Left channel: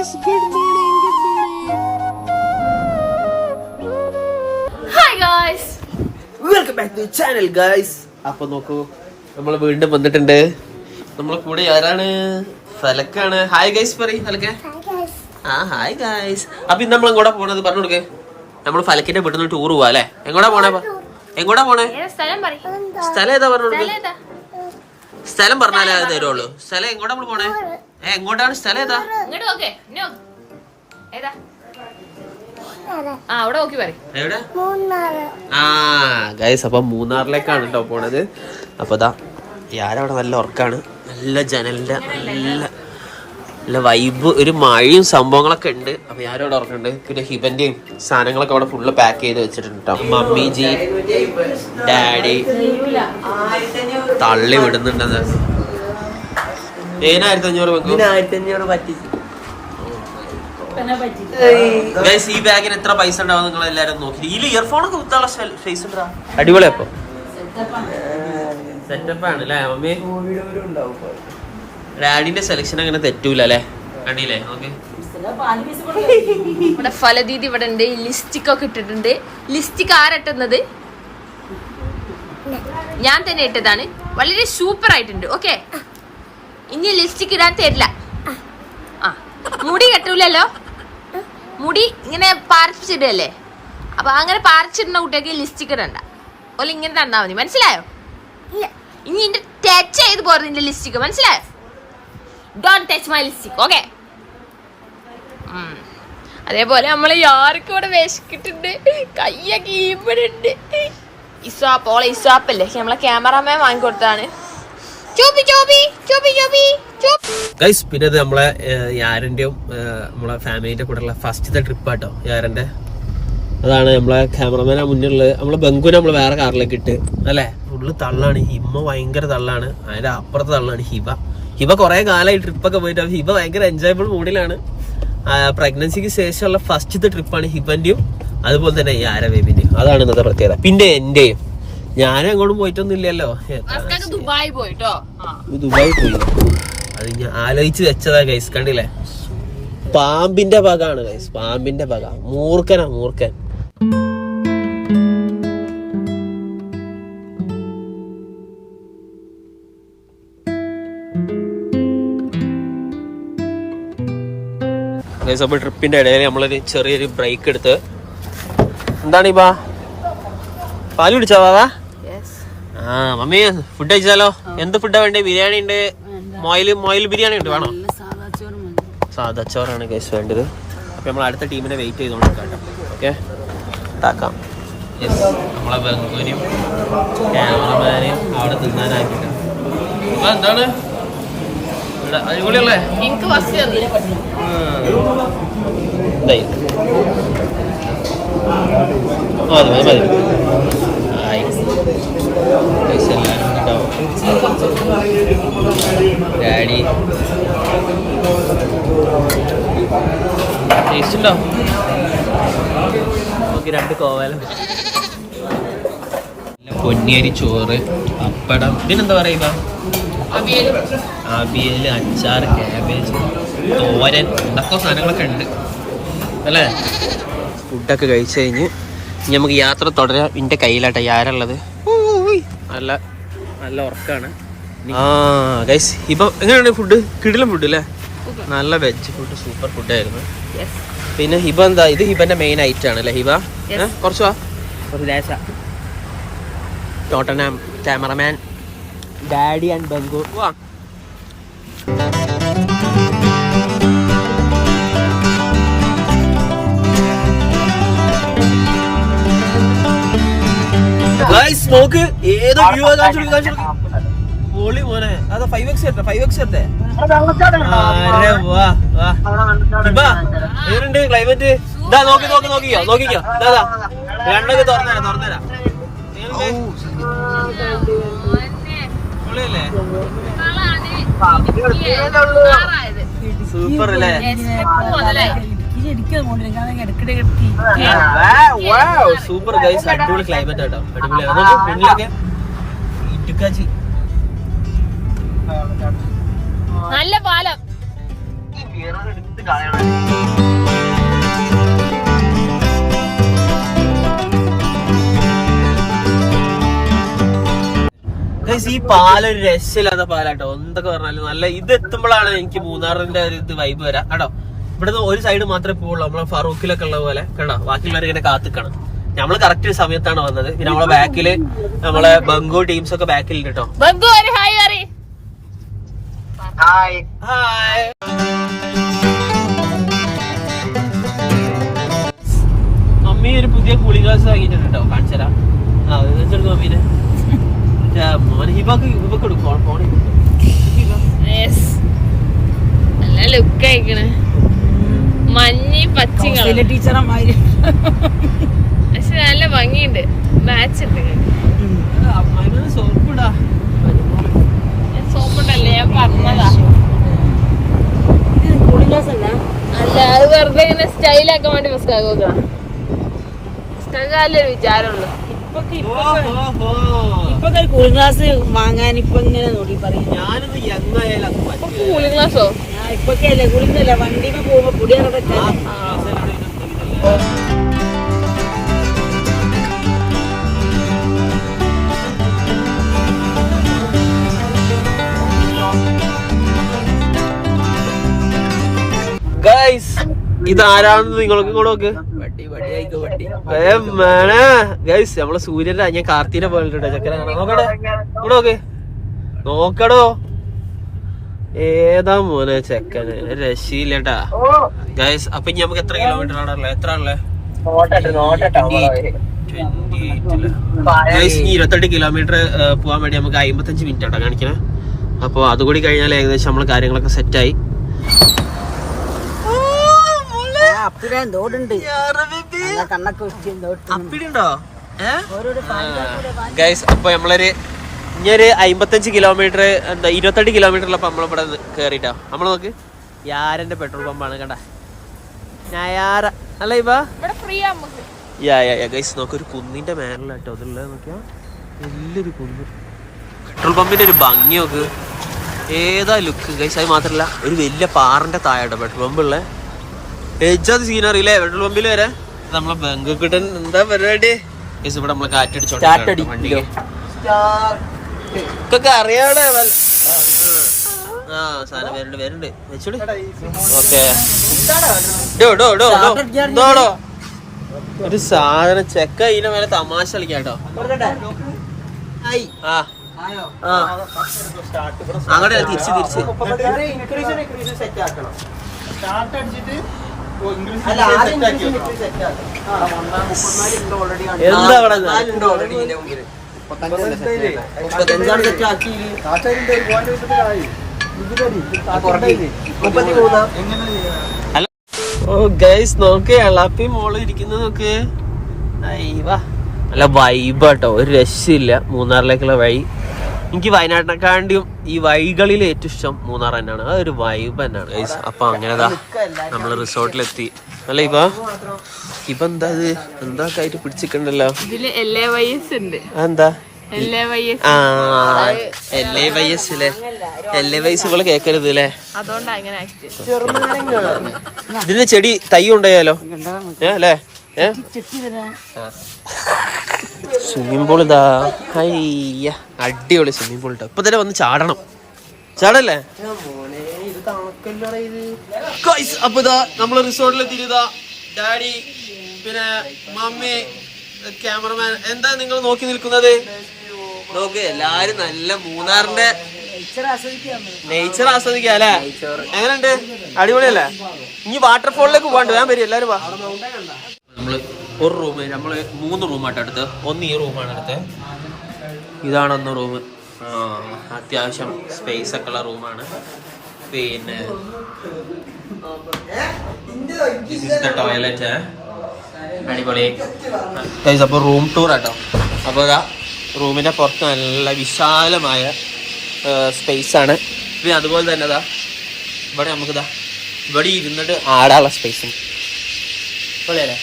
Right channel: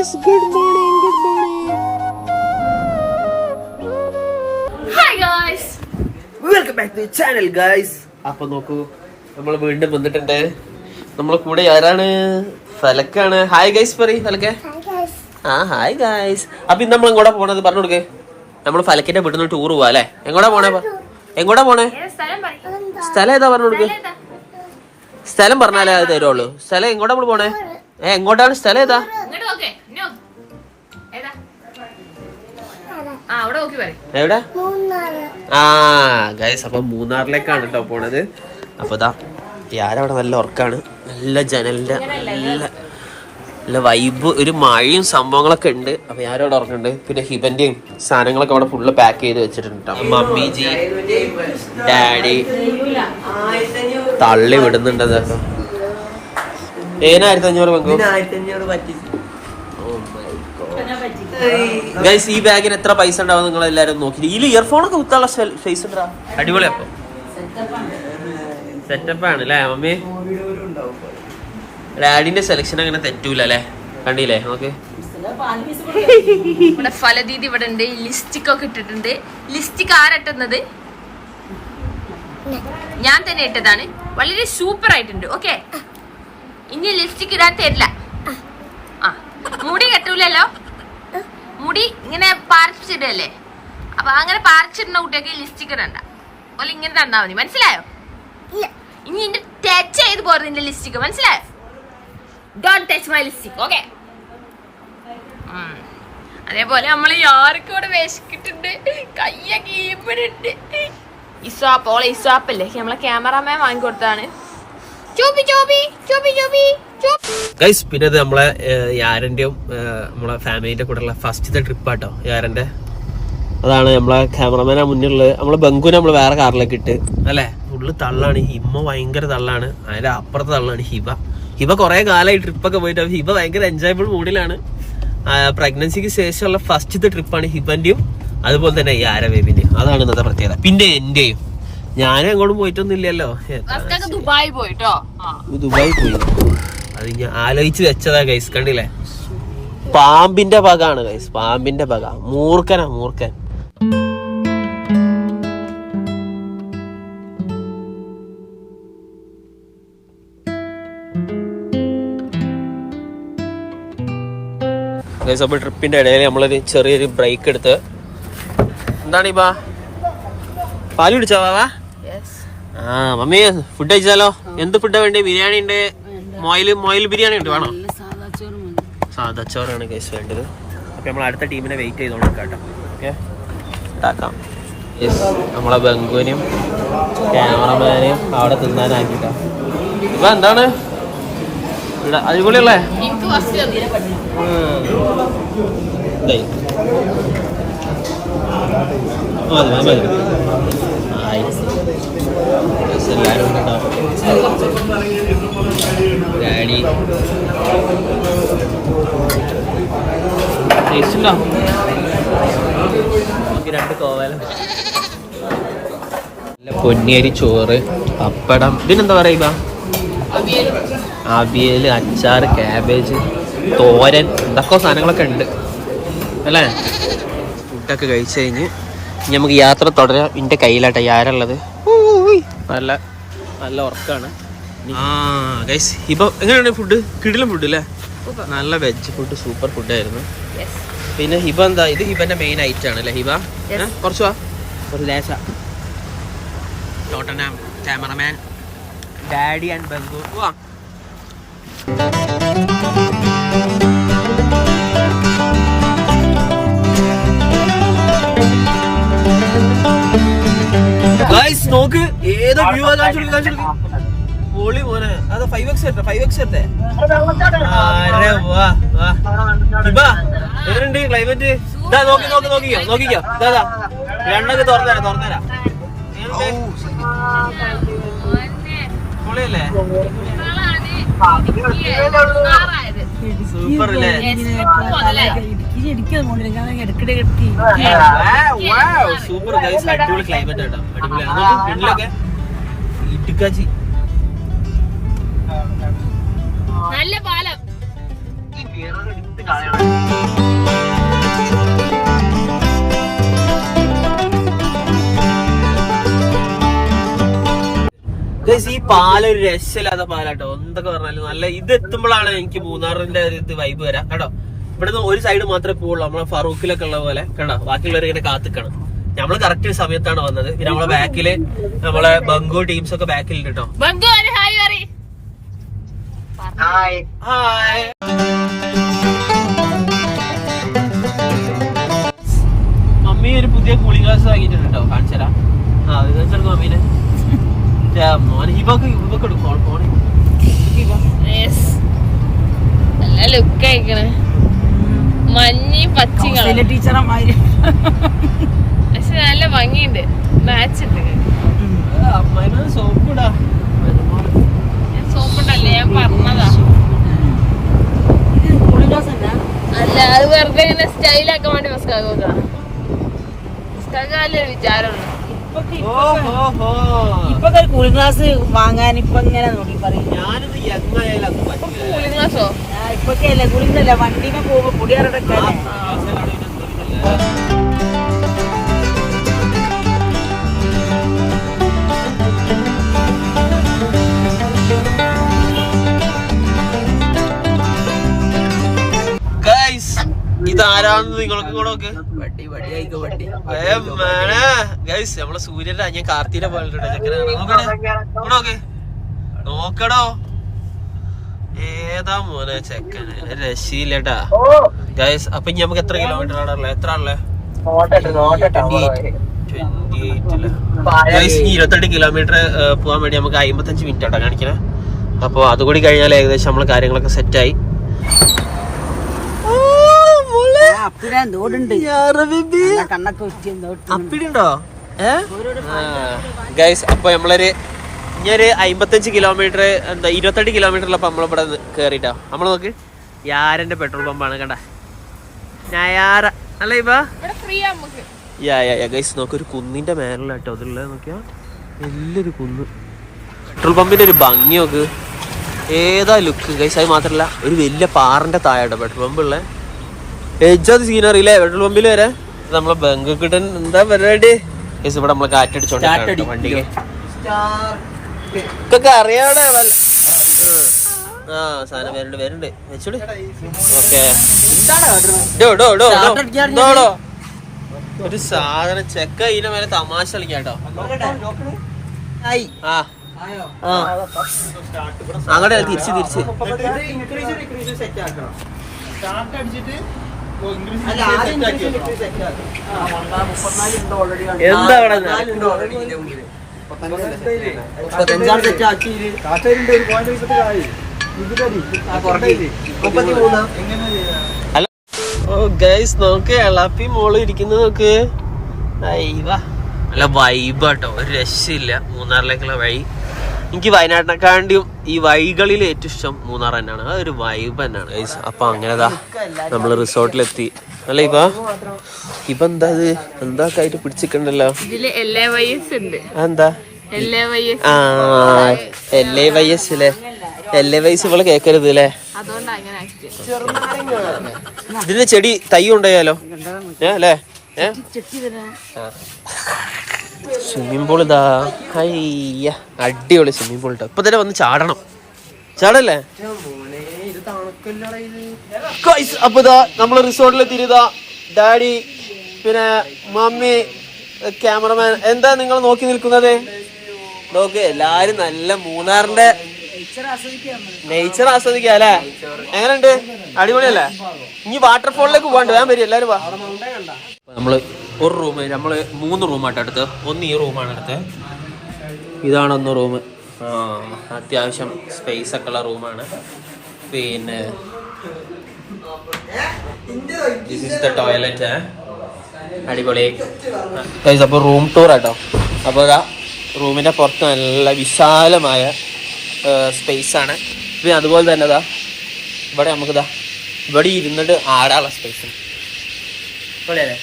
guys, good morning. Hi guys. Welcome back to the channel guys. അപ്പോൾ നോക്കൂ നമ്മൾ വീണ്ടും വന്നിട്ടുണ്ട്. നമ്മളെ കൂടെ ആരാണ്? ഫലക്കാണ്. ഹായ് ഗൈസ് പറയ് ഫലക്കെ. Hi guys. അപ്പോൾ ഇന്ന് നമ്മൾ എങ്ങോട്ടാ പോണത് പറഞ്ഞു കൊടുക്കേ. നമ്മൾ ഫലക്കിന്റെ വീട്ടിൽ നിന്ന് ടൂർ പോവാ അല്ലേ? എങ്ങോട്ടാ പോണേ? സ്ഥലം ഏതാ പറഞ്ഞു കൊടുക്കേ. സ്ഥലം പറഞ്ഞാലേ അത് തരുള്ളൂ. സ്ഥലം എങ്ങോട്ടാ നമ്മൾ പോണേ? എങ്ങോട്ടാണ് സ്ഥലം ഏതാ? എവിടെ? ഗൈസ് അപ്പൊ മൂന്നാറിലേക്കാണ് കേട്ടോ പോണത്. അപ്പൊ ഇതാ ഞാനവിടെ നല്ല ഉറക്കാണ്. നല്ല ജനലിന്റെ നല്ല വൈബ്, ഒരു മഴയും സംഭവങ്ങളൊക്കെ ഉണ്ട്. അപ്പൊ ഞാനവിടെ ഉറക്കുന്നുണ്ട്. പിന്നെ ഹിബന്റെയും സാധനങ്ങളൊക്കെ അവിടെ ഫുള്ള് പാക്ക് ചെയ്ത് വെച്ചിട്ടുണ്ട് കേട്ടോ. മമ്മി ജി ഡാഡി തള്ളി വിടുന്നുണ്ട്. 1500 വെക്കൂ. ഈ ബാഗിന് എത്ര പൈസ ഉണ്ടാവും നിങ്ങൾ എല്ലാരും നോക്കി. ഇതിൽ ഇയർഫോണൊക്കെ കുത്താനുള്ള ഫേസ് ഉണ്ടാ. അടിപൊളി. അപ്പൊ സെറ്റപ്പ് ആണ് അല്ലേ മമ്മി? ഡാഡിന്റെ സെലക്ഷൻ അങ്ങനെ തെറ്റൂല അല്ലേ? കണ്ടില്ലേ നോക്ക്. ഇവിടെ ഫലദീദി ഇവിടെ ഉണ്ട്. ലിസ്റ്റിക് ഒക്കെ ഇട്ടിട്ടുണ്ട്. ലിസ്റ്റിക് ആരട്ടുന്നത്? ഞാൻ തന്നെ ഇട്ടതാണ്. വളരെ സൂപ്പർ ആയിട്ടുണ്ട്. ഓക്കെ, ഇനി ലിപ്സ്റ്റിക് ഇടാൻ തരില്ല. മുടി കെട്ടൂലല്ലോ. മുടി ഇങ്ങനെ പാരച്ചിടല്ലേ. അപ്പൊ അങ്ങനെ പാരച്ചിടുന്ന കുട്ടിയൊക്കെ ലിപ്സ്റ്റിക് ഇടണ്ട. ഓല് ഇങ്ങനെ തന്നാ മതി. മനസ്സിലായോ? ഇനി എന്റെ ടച്ച് ചെയ്ത് പോരുത് നിന്റെ ലിപ്സ്റ്റിക്. മനസ്സിലായോ? Don't touch my lipstick. Okay. അതേപോലെ നമ്മള് ആർക്കും ഇവിടെ വിശക്കിട്ടുണ്ട്. കയ്യൊക്കെ ഈമ്പടുണ്ട്. ഇസാപ്പ്, ഓളെ ഇസാപ്പല്ലേ നമ്മളെ ക്യാമറാമാൻ വാങ്ങിക്കൊടുത്താണ്. ഗൈസ് പിന്നെ ഇത് നമ്മളെ യാരന്റെയും നമ്മളെ ഫാമിലിന്റെ കൂടെയുള്ള ഫസ്റ്റത്തെ ട്രിപ്പാട്ടോ യാരന്റെ. അതാണ് നമ്മളെ ക്യാമറമാനാ മുന്നിലുള്ളത്. നമ്മളെ ബംഗുനെ നമ്മള് വേറെ കാറിലേക്ക് ഇട്ട് അല്ലെ. ഉള്ളിൽ തള്ളാണ്. ഹിമ്മ ഭയങ്കര തള്ളാണ്. അതിന്റെ അപ്പുറത്തെ തള്ളാണ് ഹിബ കുറെ കാലമായി ട്രിപ്പൊക്കെ പോയിട്ട്. ഹിബ ഭയങ്കര എൻജോയബിൾ മൂഡിലാണ്. പ്രഗ്നൻസിക്ക് ശേഷമുള്ള ഫസ്റ്റത്തെ ട്രിപ്പാണ് ഹിബന്റെയും അതുപോലെ തന്നെ യാര ബേബിന്റെയും. അതാണ് ഇന്നത്തെ പ്രത്യേകത. പിന്നെ എന്റെയും ഞാനും അങ്ങോട്ടും പോയിട്ടൊന്നും ഇല്ലല്ലോ. ദുബായ് പോയി. അത് ഞാൻ ആലോചിച്ച് വെച്ചതാ ഗൈസ്. കണ്ടില്ലേ? പാമ്പിന്റെ ഭാഗമാണ് ഗൈസ്. പാമ്പിന്റെ ഭാഗ. മൂർഖൻ. ഗൈസ് അപ്പൊ ട്രിപ്പിന്റെ ഇടയിൽ നമ്മളൊരു ചെറിയൊരു ബ്രേക്ക് എടുത്ത്. എന്താണ് ഈ പാല് കുടിച്ചോ വാവാ? Mummy food കഴിച്ചാലോ? എന്ത് ഫുഡാ വേണ്ടേ? ബിരിയാണി ഉണ്ട്, മൊയിൽ ബിരിയാണി ഉണ്ട്. വേണോ? സാധാ ചോറാണ് കേസ് വേണ്ടത്. അപ്പൊ നമ്മൾ അടുത്ത ടീമിനെ വെയിറ്റ് ചെയ്തോണ്ട് കേട്ടോ. ഓക്കെ, ഉണ്ടാക്കാം. നമ്മളെ ബംഗുവിനെയും ക്യാമറമാനെയും അവിടെ തിന്നാനാക്കിട്ട. ഇപ്പൊ എന്താണ് അടിപൊളിയുള്ളേ? എന്തായി മതി. ആയി എല്ലാവരും കേട്ടോ. ഡാഡി ടേസ്റ്റ് ഉണ്ടോ? നമുക്ക് 2 കോവല, പൊന്നിയരി ചോറ്, പപ്പടം, ഇതിനെന്താ പറയുക, അവിയൽ, അച്ചാർ, ക്യാബേജ്, തോരൻ, ഇതൊക്കെ സാധനങ്ങളൊക്കെ ഉണ്ട് അല്ലേ? ഫുഡൊക്കെ കഴിച്ച് കഴിഞ്ഞ് ഇനി നമുക്ക് യാത്ര തുടരാം. എൻ്റെ കയ്യിലാട്ടെ യാരുള്ളത്. നല്ല നല്ല ഉറക്കാണ്. ഗൈസ് ഇപ്പൊ എങ്ങനെയാണ് ഫുഡ്? കിടിലം ഫുഡ് അല്ലേ? നല്ല വെജ് ഫുഡ്, സൂപ്പർ ഫുഡായിരുന്നു. പിന്നെ ഹിബ എന്താ? ഇത് ഹിബന്റെ മെയിൻ ഐറ്റം ആണ് അല്ലേ ഹിബ? കുറച്ച് ടോട്ടനാം ക്യാമറമാൻ ഡാഡി ആൻഡ് ബംഗു. ഗൈസ് നോക്ക് ഏത് വ്യൂ മോനെ. അതാ 5x എടുത്തേ. ക്ലൈമറ്റ് നോക്കിക്കോ. രണ്ടൊക്കെ തുറന്നേരാ. സൂപ്പർ ഗൈസ്, അടിപൊളി ക്ലൈമറ്റ് കേട്ടോ. അടിപൊളിയാണ്. നല്ല പാലം. ഈ പാലൊരു രക്ഷയില്ലാത്ത പാലാട്ടോ. എന്തൊക്കെ പറഞ്ഞാലും നല്ല ഇത് എത്തുമ്പോഴാണ് എനിക്ക് മൂന്നാറിന്റെ ഒരു ഇത് വൈബ് വരാം കേട്ടോ. ഇവിടുന്ന് ഒരു സൈഡ് മാത്രമേ പോവുള്ളൂ, നമ്മളെ ഫറൂഖിലൊക്കെ ഉള്ള പോലെ കേട്ടോ. ബാക്കിയുള്ളവർ ഇങ്ങനെ കാത്തിക്കണം. നമ്മള് കറക്റ്റ് സമയത്താണ് വന്നത്. പിന്നെ നമ്മളെ ബാക്കില് നമ്മളെ ബംഗു ടീംസ് ഒക്കെ ബാക്കിൽ കേട്ടോ. മമ്മി ഒരു പുതിയ കൂളിംഗ് ഗ്ലാസ് വാങ്ങിയിട്ടുണ്ട് കേട്ടോ. കാണിച്ചു തരാം. വെച്ചെടുക്കും മമ്മീനെ. മോനെ ഹിബക്ക് എടുക്കും ഫോൺ. നല്ല ലുക്ക് ആയിക്കണ്, മഞ്ഞി പച്ച ടീച്ചറമാര്. പക്ഷെ നല്ല ഭംഗിയുണ്ട്, മാച്ച് ഉണ്ട്. സോപ്പിടല്ലേ ഞാൻ പറഞ്ഞതാ. അല്ല അത് വെറുതെ ഇങ്ങനെ സ്റ്റൈലാക്കാൻ വേണ്ടി മസ്കാക്കൊരു വിചാരമുള്ളു. ഇപ്പൊ കൂളിംഗ് ഗ്ലാസ് വാങ്ങാൻ ഇപ്പൊ ഇങ്ങനെ നോക്കി പറയും. കൂളിംഗ് ഗ്ലാസോ? ഇപ്പൊക്കെയല്ലേ കൂളിംഗ് അല്ല, വണ്ടിയിൽ പോകുമ്പോ പൊടിയാറടക്കല്ലേ. ഇതാരാണെന്ന് നിങ്ങൾക്ക് കൂടെ നോക്ക്. നമ്മളെ സൂര്യന്റെ അഞ്ഞ കാർത്തിനെ പോലെ നോക്കേ നോക്കടോ. ഏതാ മോനെ ചെക്കന്, രശീലട്ടാ ഗൈസ്. അപ്പൊ ഇനി നമുക്ക് എത്ര കിലോമീറ്റർ ആണല്ലേ? എത്ര ആണല്ലേ? 28 കിലോമീറ്റർ പോവാൻ വേണ്ടി നമുക്ക് 55 മിനിറ്റ് ആട്ടോ കാണിക്കണേ. അപ്പൊ അതുകൂടി കഴിഞ്ഞാൽ ഏകദേശം നമ്മള് കാര്യങ്ങളൊക്കെ സെറ്റായി. ഗൈസ് അപ്പൊ നമ്മളൊരു ഇനിയൊരു 55 കിലോമീറ്റർ എന്താ 28 കിലോമീറ്ററിലപ്പോ നമ്മളിവിടെ കേറിട്ടോ. നമ്മള് നോക്ക്, യാരന്റെ പെട്രോൾ പമ്പാണ് കണ്ട. ഞായാറ അല്ല ഇവ ഗൈസ് നോക്ക്, ഒരു കുന്നിന്റെ മേലിലാട്ടോ അതുള്ള നോക്കിയാ വലിയൊരു കുന്ന്. പെട്രോൾ പമ്പിന്റെ ഒരു ഭംഗി നോക്ക്, ഏതാ ലുക്ക് ഗൈസ്. അത് മാത്രല്ല ഒരു വലിയ പാറിന്റെ താഴെട്ടോ പെട്രോൾ പമ്പ് ഉള്ള. എജാത് സീനറിയില്ലേ പെട്രോൾ പമ്പിൽ വരെ. നമ്മളെ ബംഗ് കിട്ടൻ എന്താ പരിപാടി ഗൈസ്. ഇവിടെ നമ്മളെ കാറ്റടിച്ചോണ്ട് വണ്ടിക്ക് ഒക്കെ അറിയാടെ. സാധനം വരുന്നുണ്ട് വെച്ചോട്. ഓക്കെ ഒരു സാധനം ചെക്ക ഇതിന്റെ മേലെ തമാശ കളിക്കാട്ടോ. അങ്ങോട്ട് തിരിച്ച് എന്താ അവിടെ നോക്കേ എളാപ്പി മോള് ഇരിക്കുന്നത് നോക്ക്. നല്ല വൈബാട്ടോ, ഒരു രക്ഷയില്ല മൂന്നാറിലേക്കുള്ള വഴി. എനിക്ക് വയനാട്ടിനെക്കാണ്ടിയും ഈ വഴികളിൽ ഏറ്റവും ഇഷ്ടം മൂന്നാർ തന്നെയാണ്. അതൊരു വൈബ് തന്നെയാണ് ഗൈസ്. അപ്പൊ അങ്ങനെതാ നമ്മള് റിസോർട്ടിലെത്തി. അല്ല ഇപ്പൊ എന്താ അത് എന്താ ആയിട്ട് പിടിച്ചിട്ടുണ്ടല്ലോ. എന്താ LAYS LAYS ഇവള് കേക്കരുത് അല്ലേ. ഇതിന്റെ ചെടി തൈ ഉണ്ടായാലോ അല്ലേ. സ്വിമ്മിംഗ് പൂൾ ഇതാ. അയ്യ അടിപൊളി സ്വിമ്മിംഗ് പൂൾ. ഇപ്പൊ തന്നെ വന്ന് ചാടല്ലേ. അപ്പൊ ഇതാ നമ്മള് റിസോർട്ടിലെത്തിയതാ. ഡാഡി പിന്നെ മമ്മി ക്യാമറമാൻ. എന്താ നിങ്ങൾ നോക്കി നിൽക്കുന്നത്? നോക്ക് എല്ലാരും നല്ല മൂന്നാറിന്റെ നേച്ചർ ആസ്വദിക്കാം അല്ലേ. എങ്ങനെയുണ്ട്? അടിപൊളിയല്ലേ? ഇനി വാട്ടർഫോളിലേക്ക് പോകാണ്ട് വേഗം വരും എല്ലാരും. നമ്മള് ഒരു റൂം, നമ്മള് 3 റൂമായിട്ട് എടുത്ത്. ഒന്ന് ഈ റൂമാണ് എടുത്ത്. ഇതാണ് ഒന്ന് റൂം. അത്യാവശ്യം സ്പേസ് ഒക്കെ ഉള്ള റൂമാണ്. പിന്നെ ടോയ്ലറ്റ് അടിപൊളി. അപ്പൊ റൂം ടൂർ ആട്ടോ. അപ്പൊ റൂമിന്റെ പുറത്ത് നല്ല വിശാലമായ സ്പേസ് ആണ്. പിന്നെ അതുപോലെ തന്നെ ഇതാ ഇവിടെ നമുക്കിതാ ഇവിടെ ഇരുന്നിട്ട് ആടാനുള്ള സ്പേസ് പൊളിയല്ലേ.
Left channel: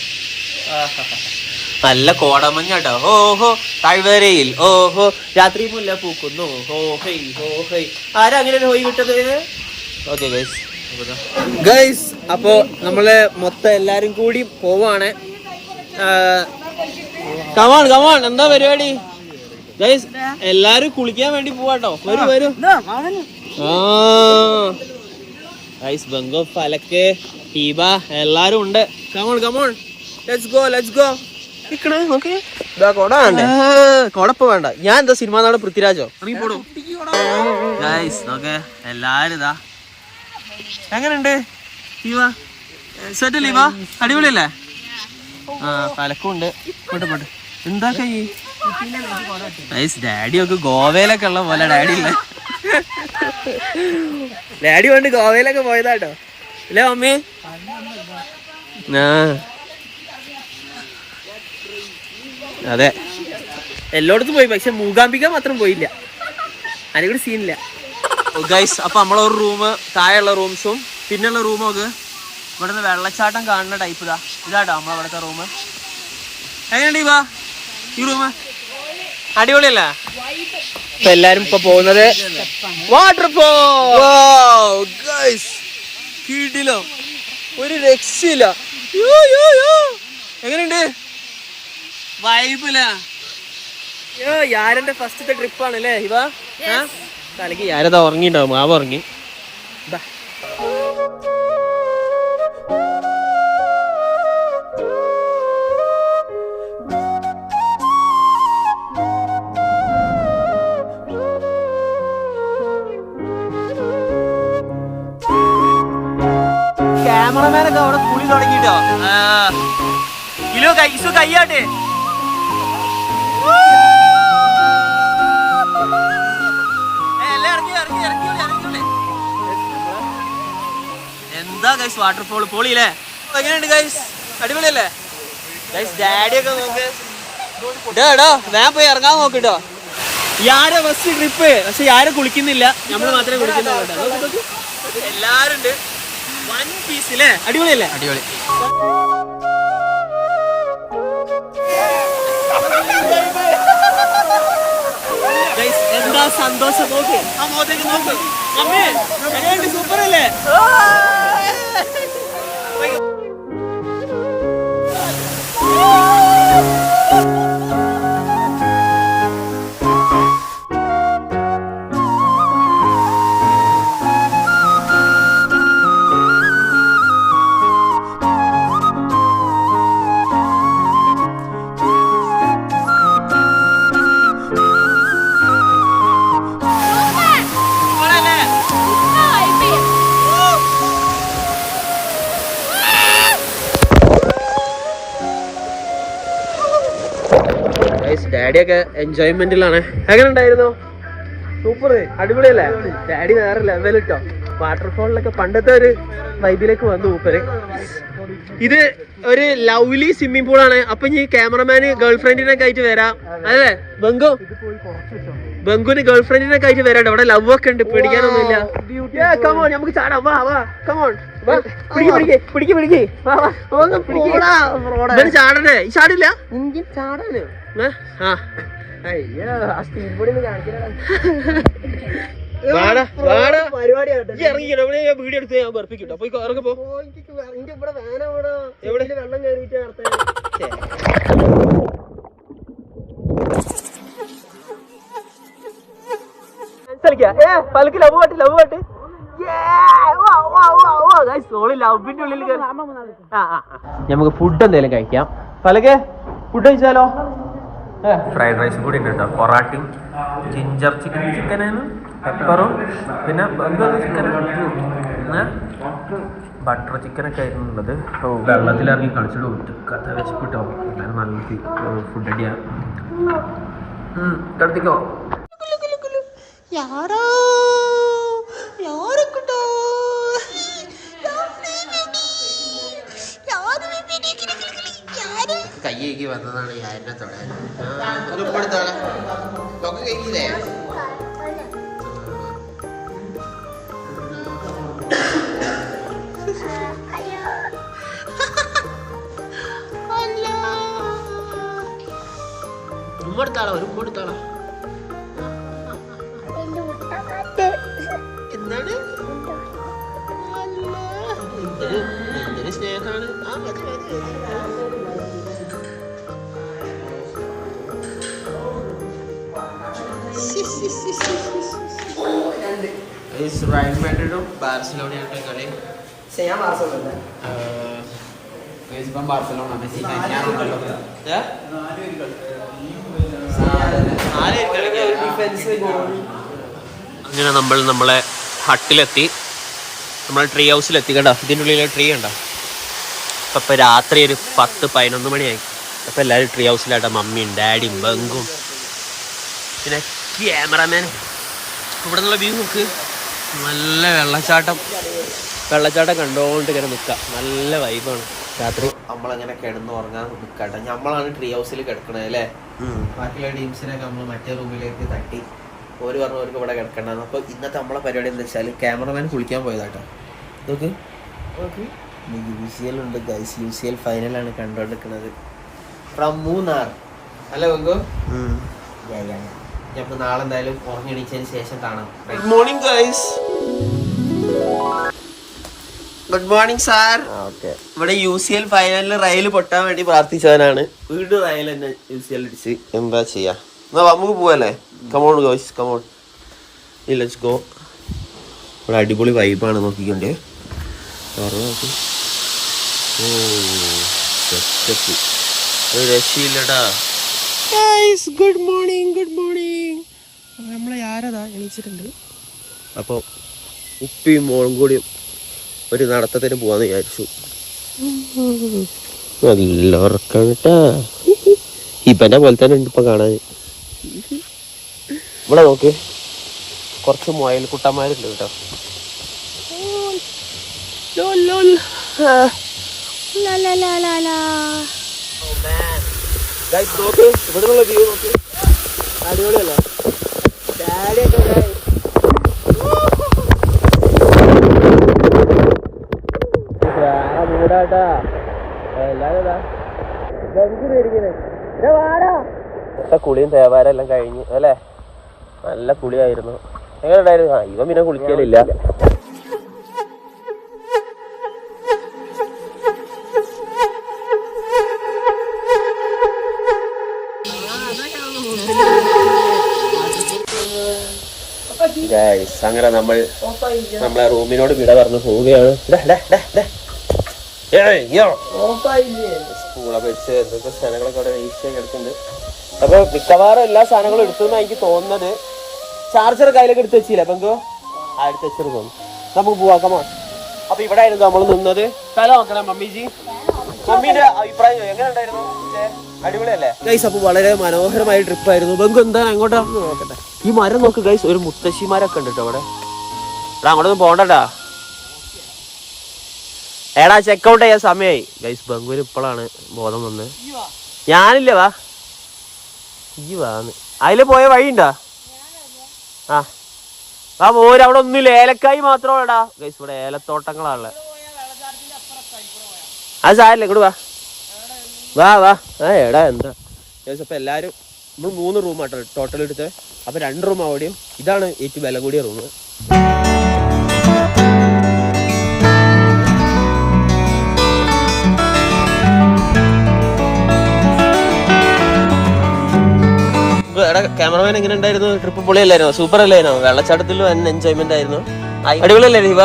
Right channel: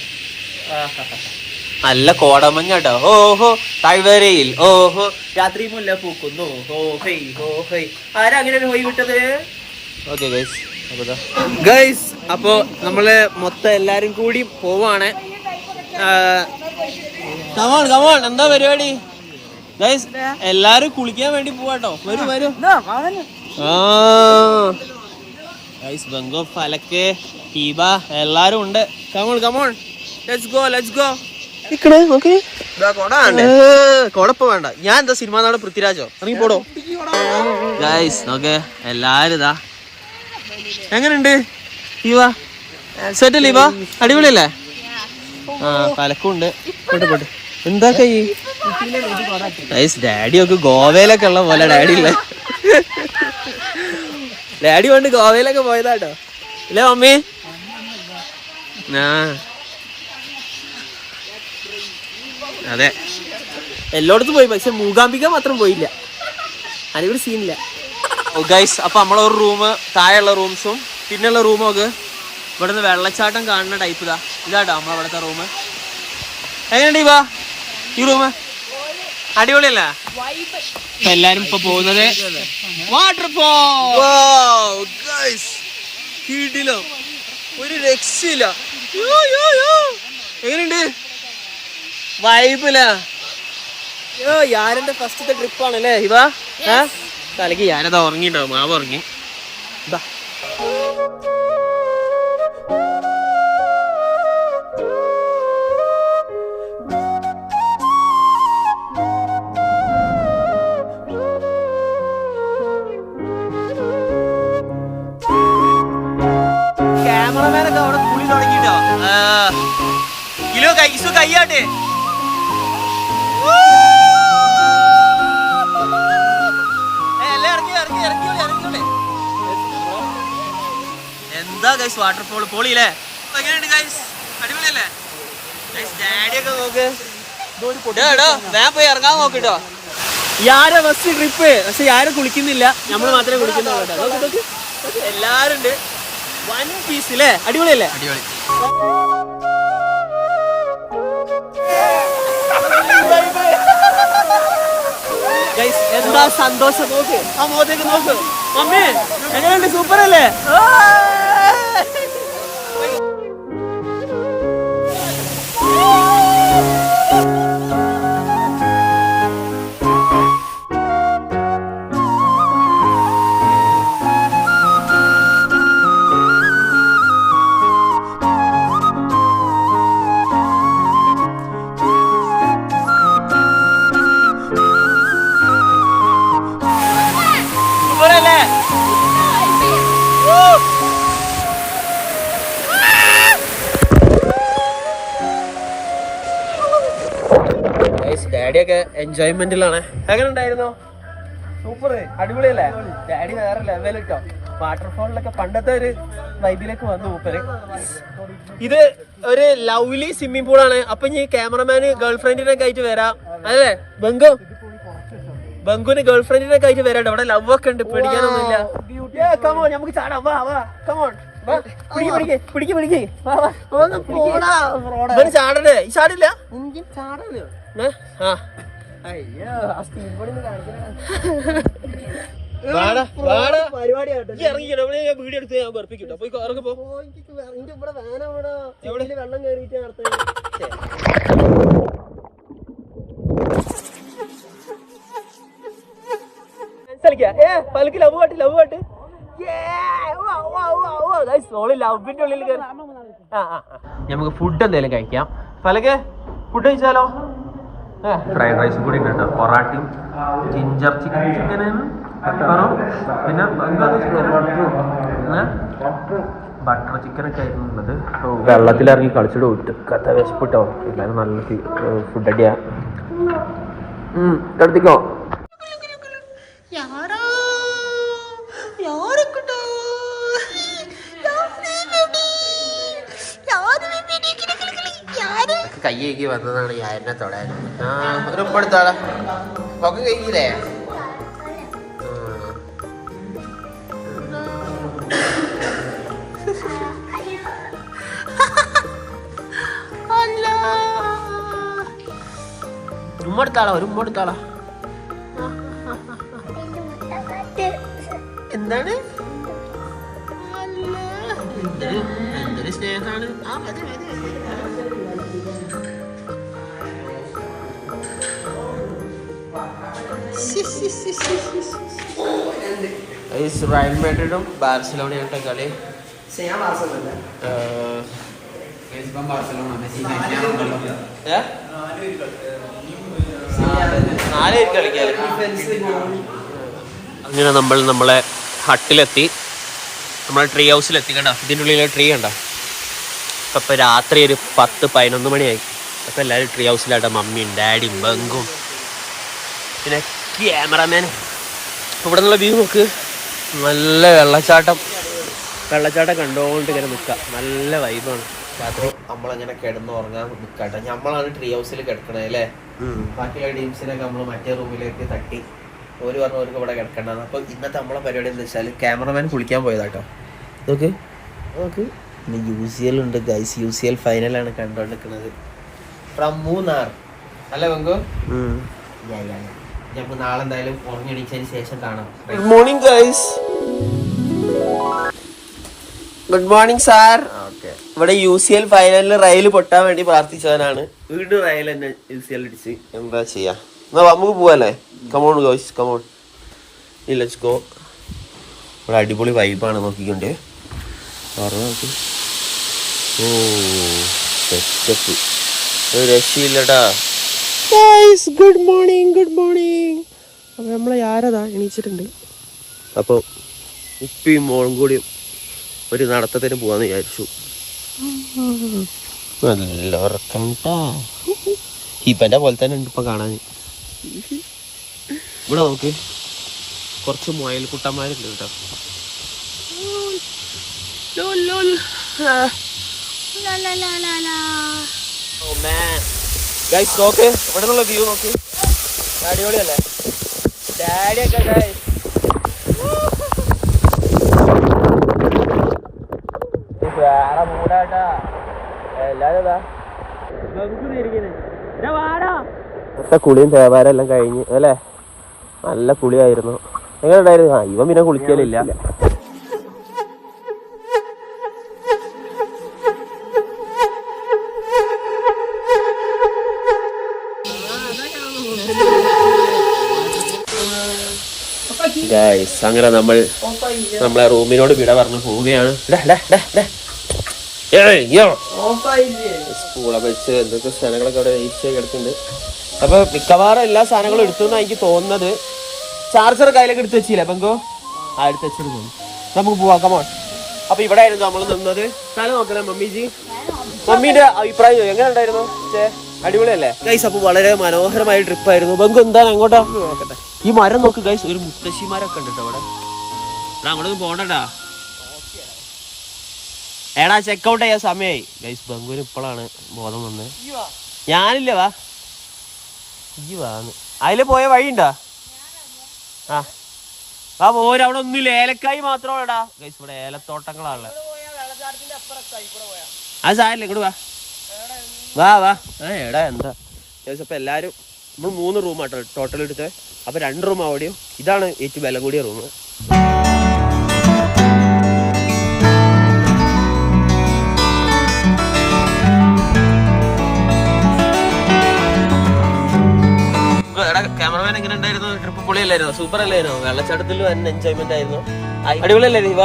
നല്ല കോടമഞ്ഞാട്ടോ. ഓഹോ താഴ്വരയിൽ ഓഹോ രാത്രി മുല്ല പൂക്കുന്നു. ഹോ ഹൈ ഹോ ഹൈ. ആരാ അങ്ങനെ പോയി വിട്ടത്? ഓക്കെ ഗൈസ് ഗൈസ്, അപ്പൊ നമ്മള് മൊത്തം എല്ലാരും കൂടി പോവാണ്. കമോൺ കമോൺ, എന്താ പരിപാടി ഗൈസ്? എല്ലാരും കുളിക്കാൻ വേണ്ടി പോവാട്ടോ. വരൂ വരൂ. ഗൈസ്, ബംഗോ, ഫലക്ക്, ടീബ എല്ലാരും ഉണ്ട്. Come on come on, let's go let's go. കൊടപ്പ് വേണ്ട, ഞാൻ എന്താ സിനിമാ നാട് പൃഥ്വിരാജോ? ഇറങ്ങി പോടോ ഗൈസ്. ഓക്കെ, എല്ലാരും ഇതാ. എങ്ങനെയുണ്ട് ലീവ? സെറ്റ് ലീവ? അടിപൊളിയല്ലേ? ആ, പലക്കുണ്ട്. പോട്ടെ പോട്ടെ. എന്താ കൈ ഗൈസ്? ഡാഡി ഒക്കെ ഗോവയിലൊക്കെ ഉള്ള പോലെ ഡാഡി ഉള്ള. ഡാഡി കൊണ്ട് ഗോവയിലൊക്കെ പോയതാട്ടോ അല്ലേ മമ്മി? ആ അതെ, എല്ലായിടത്തും പോയി, പക്ഷെ മൂകാംബിക മാത്രം പോയില്ല. അതിവിടെ സീനില്ല. ഗൈസ്, അപ്പൊ നമ്മളൊരു റൂം, താഴെയുള്ള റൂംസും പിന്നെയുള്ള റൂമും ഒക്കെ ഇവിടെ നിന്ന് വെള്ളച്ചാട്ടം കാണുന്ന ടൈപ്പ് ഇതാട്ടോ നമ്മളവിടുത്തെ റൂം. എങ്ങനെയുണ്ട് ഇവാ ഈ റൂം? അടിപൊളിയല്ലേ? ഇപ്പൊ എല്ലാരും ഇപ്പൊ പോകുന്നത് വാട്ടർഫോൾ. ഗൈസ്, കിടിലോ, ഒരു രക്ഷയില്ല. എങ്ങനെയുണ്ട്? വൈബില്ല. യാരന്റെ ഫസ്റ്റത്തെ ട്രിപ്പാണല്ലേ ഇവ? തലക്ക് യാരതാ ഉറങ്ങിണ്ടാവും, മാവ് ഉറങ്ങി. ക്യാമറമാനൊക്കെ അവിടെ കുളി തുടങ്ങിട്ടോ. കിലോ കൈസു കയ്യാട്ടെ. എന്താ ഗൈസ് വാട്ടർഫോൾ പൊളിയില്ലേ? എങ്ങനെയുണ്ട് ഗൈസ്? അടിപൊളിയല്ലേ ഗൈസ്? ഡാഡിയൊക്കെ നോക്ക്. ഞാൻ പോയി ഇറങ്ങാൻ നോക്കിട്ടോ. യാരെ ഫസ്റ്റ് ട്രിപ്പ്, പക്ഷെ യാരെ കുളിക്കുന്നില്ല, നമ്മൾ മാത്രമേ കുളിക്കുന്നുള്ളൂ. എല്ലാരും ഉണ്ട്. വൺ പീസ് അല്ലേ? അടിപൊളിയല്ലേ? അടിപൊളി. എന്താ സന്തോഷം നോക്ക്. എങ്ങനെയുണ്ട്? സൂപ്പർ അല്ലേ? ഡാഡിയൊക്കെ എൻജോയ്മെന്റിലാണ്. എങ്ങനെ ഉണ്ടായിരുന്നോ? സൂപ്പർ, അടിപൊളിയല്ലേ? ഡാഡി വേറെ ലെവലിട്ടോ. വാട്ടർഫോളിലൊക്കെ പണ്ടത്തെ ഒരു വൈബിലേക്ക് വന്നു മൂപ്പര്. ഇത് ഒരു ലവ്ലി സ്വിമ്മിംഗ് പൂളാണ്. അപ്പൊ ഈ ക്യാമറമാന് ഗേൾഫ്രണ്ടിനൊക്കെ ആയിട്ട് വരാം. അതെ ബംഗുന് ഗേൾഫ്രണ്ടിനൊക്കെ ആയിട്ട് വരാം. അവിടെ ലവ് ഒക്കെ ഉണ്ട്, പേടിക്കാനൊന്നുമില്ല. കമോൺ, നമുക്ക് ചാടാം. വാ വാ, കമോൺ. ചാടല്ലേ? ഈ ചാടില്ല. ചാടല്ലേ? വീഡിയോ എടുത്ത് ഞാൻ പറപ്പിക്കട്ടോ. പോയി ഇറങ്ങപ്പോ. വെള്ളം കയറിയിട്ട് പലക്ക് ലവ് പാട്ട് ലവിന്റെ ഉള്ളിൽ നമുക്ക് ഫുഡ് എന്തെങ്കിലും കഴിക്കാം. പലക്കെ ഫുഡ് കഴിച്ചാലോ? ഫ്രൈഡ് റൈസും കൂടി ഉണ്ട് കേട്ടോ. പൊറാട്ടയും ജിഞ്ചർ ചിക്കനും പെപ്പറും പിന്നെ ബട്ടർ ചിക്കനൊക്കെ ആയിരുന്നു ഉള്ളത്. വെള്ളത്തിലിറങ്ങി കളിച്ചിട്ട് വിട്ട് കഥ വിശപ്പിട്ടോ. എല്ലാവരും നല്ല ഫുഡ് അടിയാ. എടുത്തിക്കോ. കയ്യേക്ക് വന്നതാണ് യാരനെ തൊടാൻ. ഒരു ഉപ്പെടുത്താളെ ഒക്കെ കഴിക്കില്ലേ? ഉമ്മടുത്താളാ, ഒരു ഉമ്മടുത്താളാ. എന്താണ് എന്തൊരു സ്നേഹമാണ്. റയൽ മാഡ്രിഡും ബാർസലോണയുടെ കളി. അങ്ങനെ നമ്മൾ നമ്മളെ ഹട്ടിലെത്തി, നമ്മളെ ട്രീ ഹൗസിലെത്തി. കണ്ടോ ഇതിൻ്റെ ഉള്ളിലെ ട്രീ കണ്ടോ. അപ്പം രാത്രി ഒരു 10-11 മണിയായി. അപ്പം എല്ലാവരും ട്രീ ഹൗസിലാട്ടോ. മമ്മിയും ഡാഡിയും ബംഗും പിന്നെ ക്യാമറാമാൻ. അപ്പോൾ ഇവിടെ നിന്നുള്ള വ്യൂ നോക്ക്. നല്ല വെള്ളച്ചാട്ടം കണ്ടുകൊണ്ട് ഇങ്ങനെ നിൽക്കാം. നല്ല വൈബാണ്. രാത്രി നമ്മളങ്ങനെ കിടന്ന് ഉറങ്ങാൻ നിൽക്കാട്ടെ. നമ്മളാണ് ട്രീ ഹൗസിൽ കിടക്കണേ അല്ലേ. ബാക്കിയുള്ള ടീംസിനൊക്കെ നമ്മൾ മറ്റേ റൂമിലേക്ക് തട്ടി. ഓര് പറഞ്ഞു അവർക്ക് ഇവിടെ കിടക്കണ്ടെന്ന്. അപ്പോൾ ഇന്നത്തെ നമ്മളെ പരിപാടി എന്താ വെച്ചാൽ ക്യാമറമാൻ കുളിക്കാൻ പോയതാട്ടോ. നോക്ക് UCL ഉണ്ട് ഗൈസ്. UCL ഫൈനലാണ് കണ്ടോണ്ടിരിക്കുന്നത് ഫ്രം മൂന്നാർ അല്ലേ ബംഗു. നമുക്ക് നാളെ എന്തായാലും ഉറങ്ങിയടിച്ചതിന് ശേഷം കാണാം. Good morning guys. Good morning sir. Okay, ഇവിടെ UCL ഫൈനലിൽ റയൽ പൊട്ടാൻ വേണ്ടി പ്രാർത്ഥിച്ചവനാണ്. വീണ്ടും റയൽ തന്നെ UCL അടിച്ച്. എന്താ ചെയ്യാ, നമുക്ക് പോവല്ലേ. Come on guys, come on, let's go. ഇവിടെ അടിപൊളി വൈബാണ്. നോക്കിക്കൊണ്ട് നോക്ക്. ഓ സെറ്റപ്പ്, ഒരു രക്ഷയില്ലടാ guys. Good morning, good morning. അപ്പോൾ നമ്മളെ ആരതാ എണീച്ചിട്ടുണ്ട്. അപ്പോൾ ഉപ്പിയും മോളും കൂടിയും ഒരു നടത്തത്തിന് പോവാന്ന് വിചാരിച്ചു. നല്ല ഉറക്കം കേട്ടാ. ഇപ്പൻ്റെ പോലെ തന്നെ ഉണ്ട് ഇപ്പം കാണാൻ. ഇവിടെ നോക്ക്, കുറച്ച് മുയൽക്കുട്ടന്മാരുണ്ട് കേട്ടോ. നോക്ക് ഇവിടെ നിന്നുള്ള വ്യൂ നോക്ക്. അടിപൊളിയല്ലേ ഡാഡിയൊക്കെ. വേറെ മൂടാട്ടാ എല്ലാരും. കുളിയും തേമാരെല്ലാം കഴിഞ്ഞ് അല്ലേ. നല്ല കുളിയായിരുന്നു. എങ്ങനെ ഉണ്ടായിരുന്നു? ഇവൻ പിന്നെ കുളിക്കലില്ല. അങ്ങനെ നമ്മളെ റൂമിനോട് വിട പറഞ്ഞു പോവുകയാണ്. സ്കൂളെ വെച്ച് എന്തൊക്കെ സാധനങ്ങളൊക്കെ അവിടെ വേസ്റ്റ് കിടക്കുന്നുണ്ട്. അപ്പൊ മിക്കവാറും എല്ലാ സാധനങ്ങളും എടുത്തെന്നാണ് എനിക്ക് തോന്നുന്നത്. ചാർജർ കയ്യിലൊക്കെ എടുത്ത് വെച്ചില്ല ബംഗോ. എടുത്ത് വെച്ചത് തോന്നുന്നു. നമുക്ക് പോവാം, കമോൺ. അപ്പൊ ഇവിടെ ആയിരുന്നു നമ്മൾ നിന്നത്. സ്ഥലം നോക്കണേ മമ്മിജി. മമ്മിയുടെ അഭിപ്രായം എങ്ങനെ ഉണ്ടായിരുന്നു? അടിപൊളിയല്ലേ ഗൈസ്? അപ്പൊ വളരെ മനോഹരമായ ട്രിപ്പായിരുന്നു. ബംഗു എന്താണ് അങ്ങോട്ടാ നോക്കട്ടെ. ഈ മരം നോക്ക് ഗൈസ്, ഒരു മുത്തശ്ശിമാരൊക്കെ ഉണ്ട് കേട്ടോ അവിടെ. അങ്ങോട്ടൊന്നും പോണ്ടട്ടാ. എടാ ചെക്കൗട്ട് ചെയ്യാൻ സമയമായി ഗൈസ്. ബംഗുവിന് ഇപ്പോഴാണ് ബോധം വന്നത്. ഞാനില്ല, വാ ഈ വാന്ന്. അതില് പോയ വഴിയുണ്ടാ? ആ പോര്. അവിടെ ഒന്നുമില്ല, ഏലക്കായി മാത്രമല്ലടാ ഗൈസ്. ഇവിടെ ഏലത്തോട്ടങ്ങളാണല്ലേ. അത് സാരില്ല, ഇങ്ങോട്ട് വാ വാ വാ. എടാ എന്താ ഗൈസ്. അപ്പൊ എല്ലാരും നമ്മൾ 3 റൂമാട്ടോ ടോട്ടൽ എടുത്ത്. അപ്പൊ 2 റൂം അവിടെയും. ഇതാണ് ഏറ്റവും വില കൂടിയ റൂം. എടാ ക്യാമറമാൻ എങ്ങനെ ഉണ്ടായിരുന്നു? ട്രിപ്പ് പൊളിയല്ലായിരുന്നോ? സൂപ്പർ അല്ലായിരുന്നോ? വെള്ളച്ചാട്ടത്തിൽ വൻ എൻജോയ്മെന്റ് ആയിരുന്നു. അടിപൊളിയല്ലേ ദീപ?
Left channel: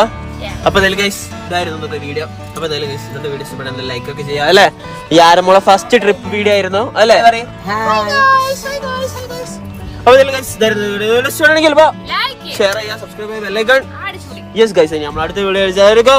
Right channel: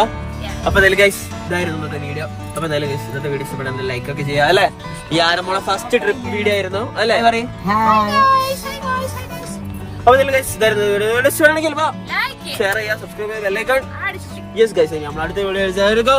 അപ്പൊ എന്തായാലും ഗൈസ് ഇതായിരുന്നു ഇന്നത്തെ വീഡിയോ. അപ്പൊ എന്തായാലും ഗൈസ് ഇന്നത്തെ വീഡിയോ ഇഷ്ടപ്പെടാൻ ലൈക്ക് ഒക്കെ ചെയ്യാം അല്ലേ. ഈ ആരമ്മളെ ഫസ്റ്റ് ട്രിപ്പ് വീഡിയോ ആയിരുന്നു അല്ലേ? അപ്പൊ എന്തായാലും ഗൈസ് ഇതായിരുന്നു വീഡിയോ. ഷെയർ ചെയ്യാം, സബ്സ്ക്രൈബ് ചെയ്യാം, ലൈക്ക്. യെസ് ഗൈസ്, നമ്മൾ അടുത്ത വീഡിയോ